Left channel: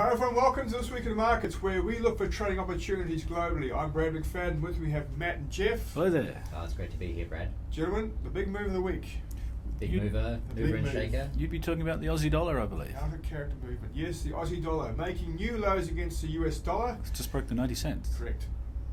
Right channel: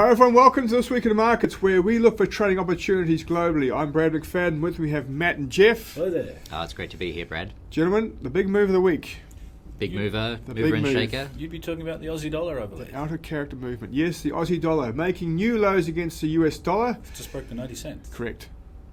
Hi everyone, welcome to This Week in the Markets, where we look for trading opportunities globally. I'm Brad McFadden. With me we have Matt and Jeff. Hello there. It's great to be here, Brad. Gentlemen, the big move of the week. Big mover big and move. shaker. You'd be talking about the Aussie dollar, I believe. Out of character movement. Yes, the Aussie dollar making new lows against the US dollar. Just broke the 90 cents. Correct.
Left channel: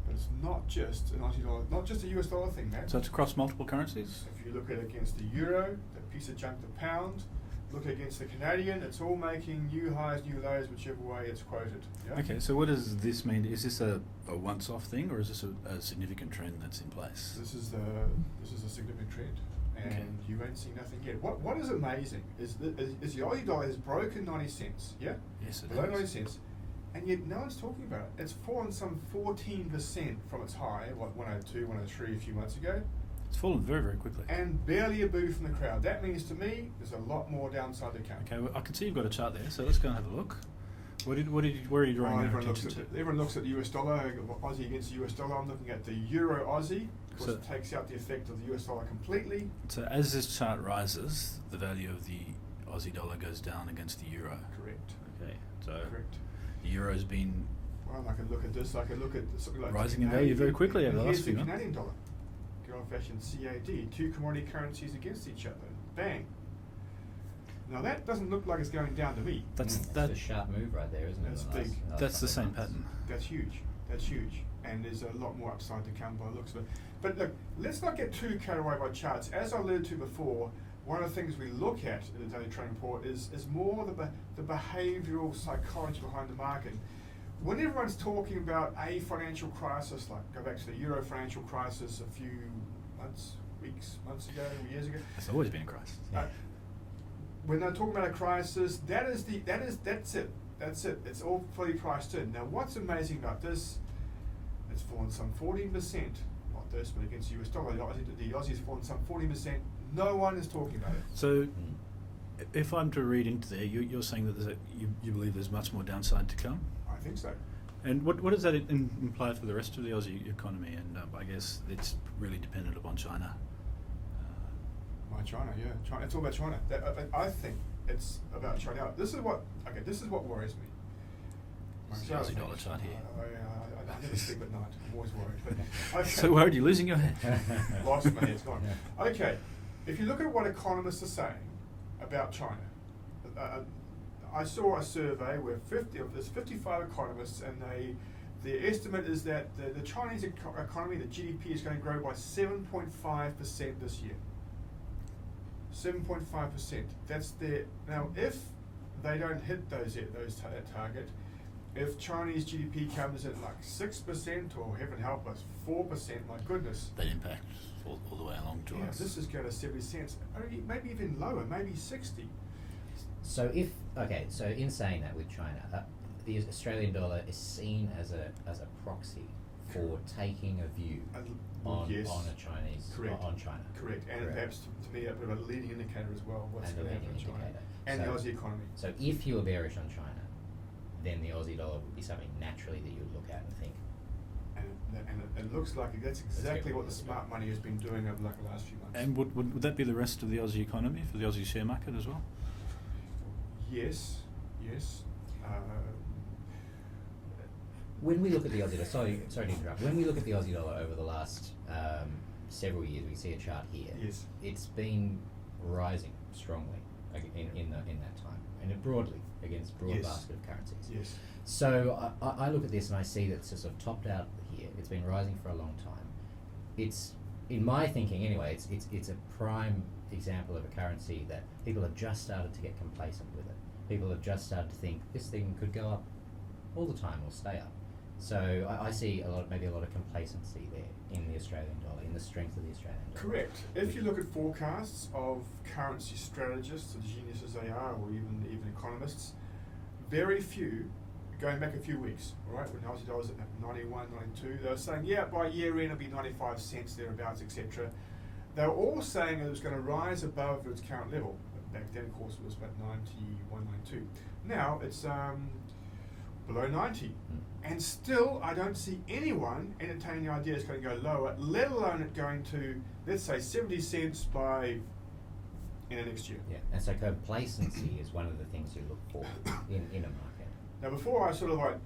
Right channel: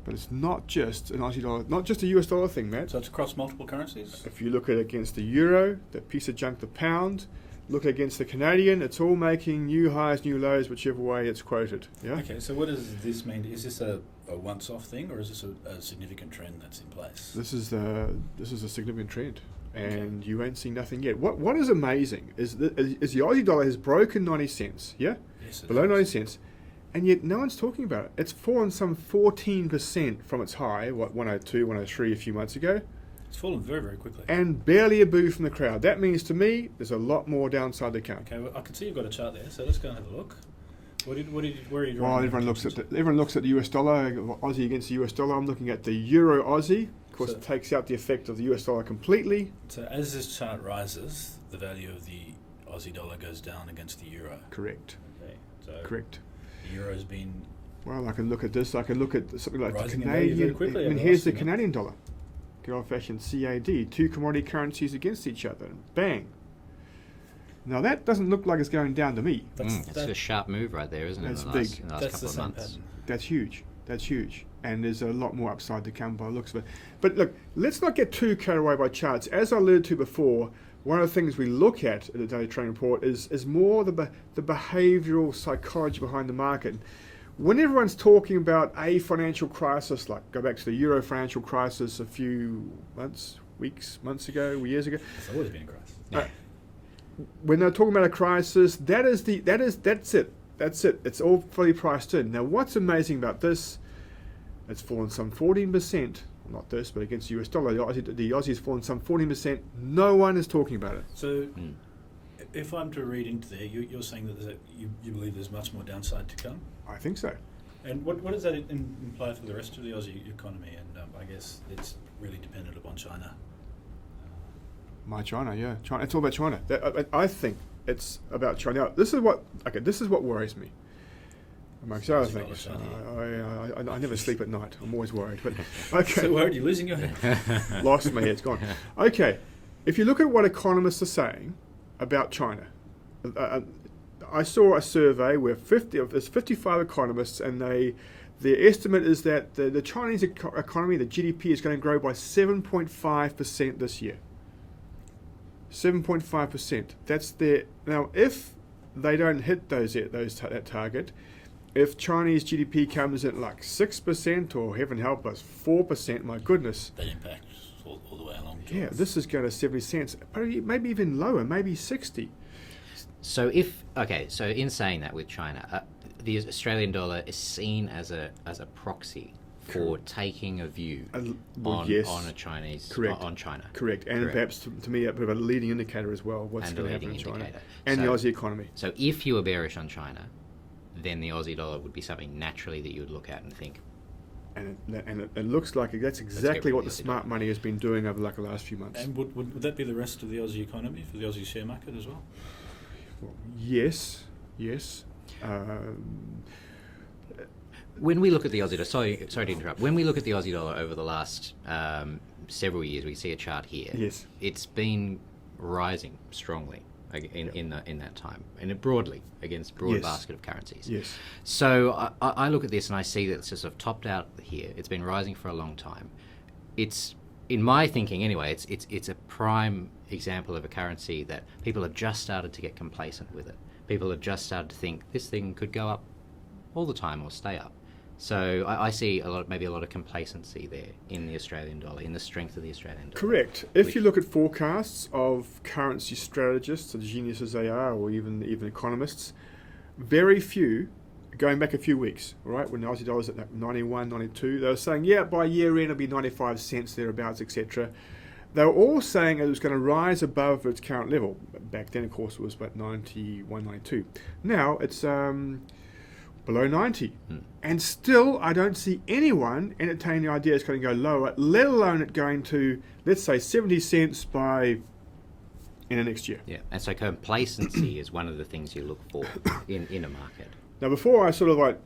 But it's not just an Aussie dollar, not just a US dollar thing, Matt. So it's across multiple currencies? If you look at it against the euro, that piece of junk, the pound, look against the Canadian, it's all making new highs, new lows, whichever way it's quoted. Yeah. Okay, so what does this mean? Is this a once-off thing, or is this a significant trend that's in place? This is a significant trend, and you ain't seen nothing yet. What is amazing is the Aussie dollar has broken 90 cents, yeah? Yes, it Below has. 90 cents, and yet no one's talking about it. It's fallen some 14% from its high, 102, 103 a few months ago, It's fallen very, very quickly. and barely a boo from the crowd. That means to me there's a lot more downside to come. Okay, well, I can see you've got a chart there, so let's go and have a look. Where are you drawing? Well, your everyone looks at attention the US dollar, Aussie against the US dollar. I'm looking at the Euro Aussie. Of course, So- it takes out the effect of the US dollar completely. So as this chart rises, the value of the Aussie dollar goes down against the euro. Correct. Okay, so Correct. the euro's been Well, I can look at this. I can look at something like rising the in value Canadian. very quickly over And the here's last the few months. Canadian dollar. Good old-fashioned CAD. Two commodity currencies against each other. Bang. Now that doesn't look like it's going down to me. It's a sharp move right there, isn't it? That's in big. the last that's couple the of same months. pattern. That's huge. That's huge. And there's a lot more upside to come by the looks of it. But look, let's not get too carried away by charts. As I alluded to before, one of the things we look at the daily trading report is more the behavioural psychology behind the market. When everyone's talking about a financial crisis, like go back to the Euro financial crisis a few months ago, years ago, It's always been a crisis. when they're talking about a crisis, that's it. That's it. It's all fully priced in. Now, what's amazing about this? It's fallen some 14%. Not this, but against the US dollar, the Aussie's fallen some 14%. No one is talking about it. So, if I'm to read into there, you're saying that you believe there's much more downside to come? I think so. And what does that imply for the rest of the Aussie economy? And I guess it's really dependent upon China. China, yeah. China. It's all about China. I think it's about China. Now, this is what worries me. Amongst other Aussie dollar things. chart here. I never sleep at night. I'm always worried. But okay. So worried you're losing your head. Lost my head, it's gone. Okay, if you look at what economists are saying about China, I saw a survey where there's 55 economists, and their estimate is that the Chinese economy, the GDP, is going to grow by 7.5% this year. 7.5%. That's their now. If they don't hit that target, if Chinese GDP comes in like 6% or heaven help us 4%, my goodness. That impacts all the way along to Yeah, us. this is going to 70 cents, maybe even lower, maybe 60. So in saying that with China, the Australian dollar is seen as a proxy for taking a view on a Chinese on China. Correct, and perhaps to me a bit of a leading indicator as well. What's And going a to happen in leading China indicator. and the So- Aussie economy. So if you were bearish on China, then the Aussie dollar would be something naturally that you would look at and think, And it looks like that's exactly rid what of the the Aussie smart dollar. money has been doing over the last few months. And would that be the rest of the Aussie economy for the Aussie share market as well? Yes. when we look at the Aussie dollar, sorry to interrupt. When we look at the Aussie dollar over the last several years, we see a chart here. Yes. It's been rising strongly in that time, and it broadly against broad Yes. basket of currencies. Yes. So I look at this and I see that it's just sort of topped out here. It's been rising for a long time. It's, in my thinking anyway, it's a prime example of a currency that people have just started to get complacent with it. People have just started to think this thing could go up all the time or stay up. So I see maybe a lot of complacency there in the Australian dollar, in the strength of the Australian dollar. Correct. If you look at forecasts of currency strategists, as genius as they are, or even economists, very few, going back a few weeks, right, when the Aussie dollar's at 91, 92, they were saying, yeah, by year end it'll be 95 cents, thereabouts, etc. They were all saying it was going to rise above its current level. Back then, of course, it was about 91, 92. Now it's below 90. And still, I don't see anyone entertaining the idea it's going to go lower, let alone it going to, let's say, 70 cents by in the next year. Yeah, and so complacency is one of the things you look for in a market. Now, before I sort of like,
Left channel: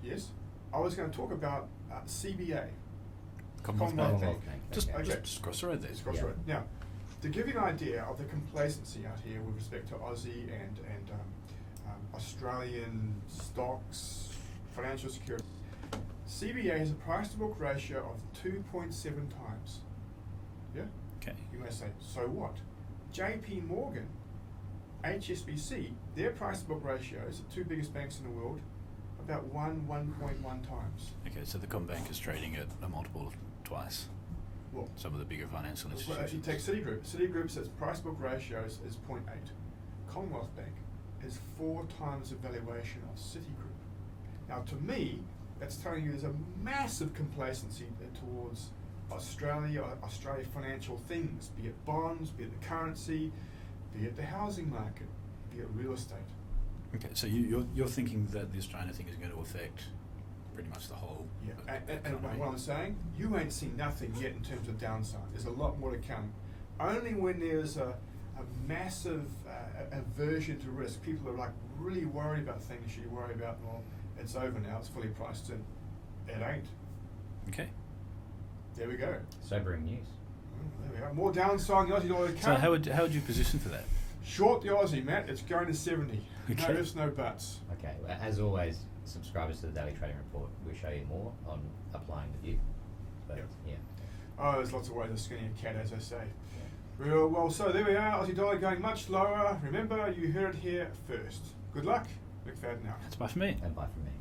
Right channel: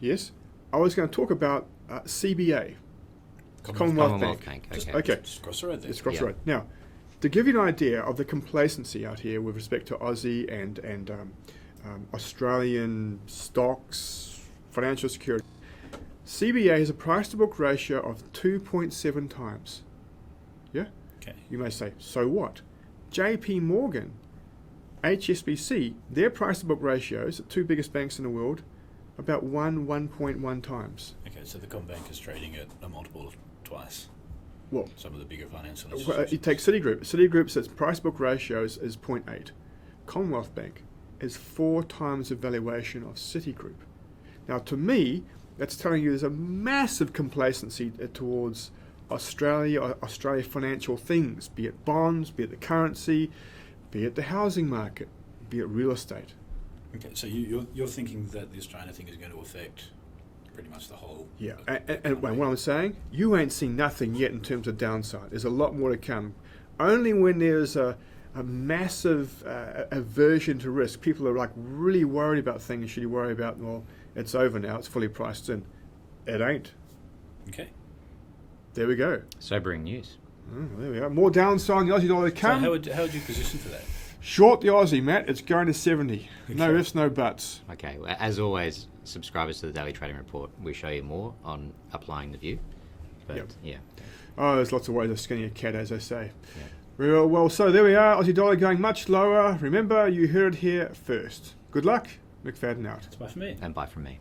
yes, I was going to talk about CBA, Commonwealth Bank. Just, Okay. just cross the road there. It's across Yeah. the road. Now, to give you an idea of the complacency out here with respect to Aussie and Australian stocks, financial security, CBA has a price to book ratio of 2.7 times. Yeah? Okay. You may say, so what? JP Morgan, HSBC, their price to book ratios, the two biggest banks in the world, about 1.1 times. Okay, so the Combank is trading at a multiple of twice. Well, Some of the bigger financial you institutions. take Citigroup. Citigroup's its price book ratios is 0.8. Commonwealth Bank is 4 times the valuation of Citigroup. Now, to me, that's telling you there's a massive complacency towards Australia financial things, be it bonds, be it the currency, be it the housing market, be it real estate. Okay, so you're thinking that the Australia thing is going to affect pretty much the whole. Yeah, and what I'm saying, you ain't seen nothing yet in terms of downside. There's a lot more to come. Only when there's a massive aversion to risk, people are like really worried about things. Should you worry about, well, it's over now, it's fully priced in. It ain't. Okay. There we go. Sobering news. There we are. More downside in the Aussie dollar to So come. how would you position for that? Short the Aussie, Matt. It's going to 70. No Okay. ifs, no buts. Okay, well, as always, subscribers to the Daily Trading Report, we show you more on applying the view. But Yep. yeah, Oh, there's lots of ways of skinning a cat, as I say. Real well, so there we are. Aussie dollar going much lower. Remember, you heard it here first. Good luck. McFadden out. That's bye for me. and bye from me.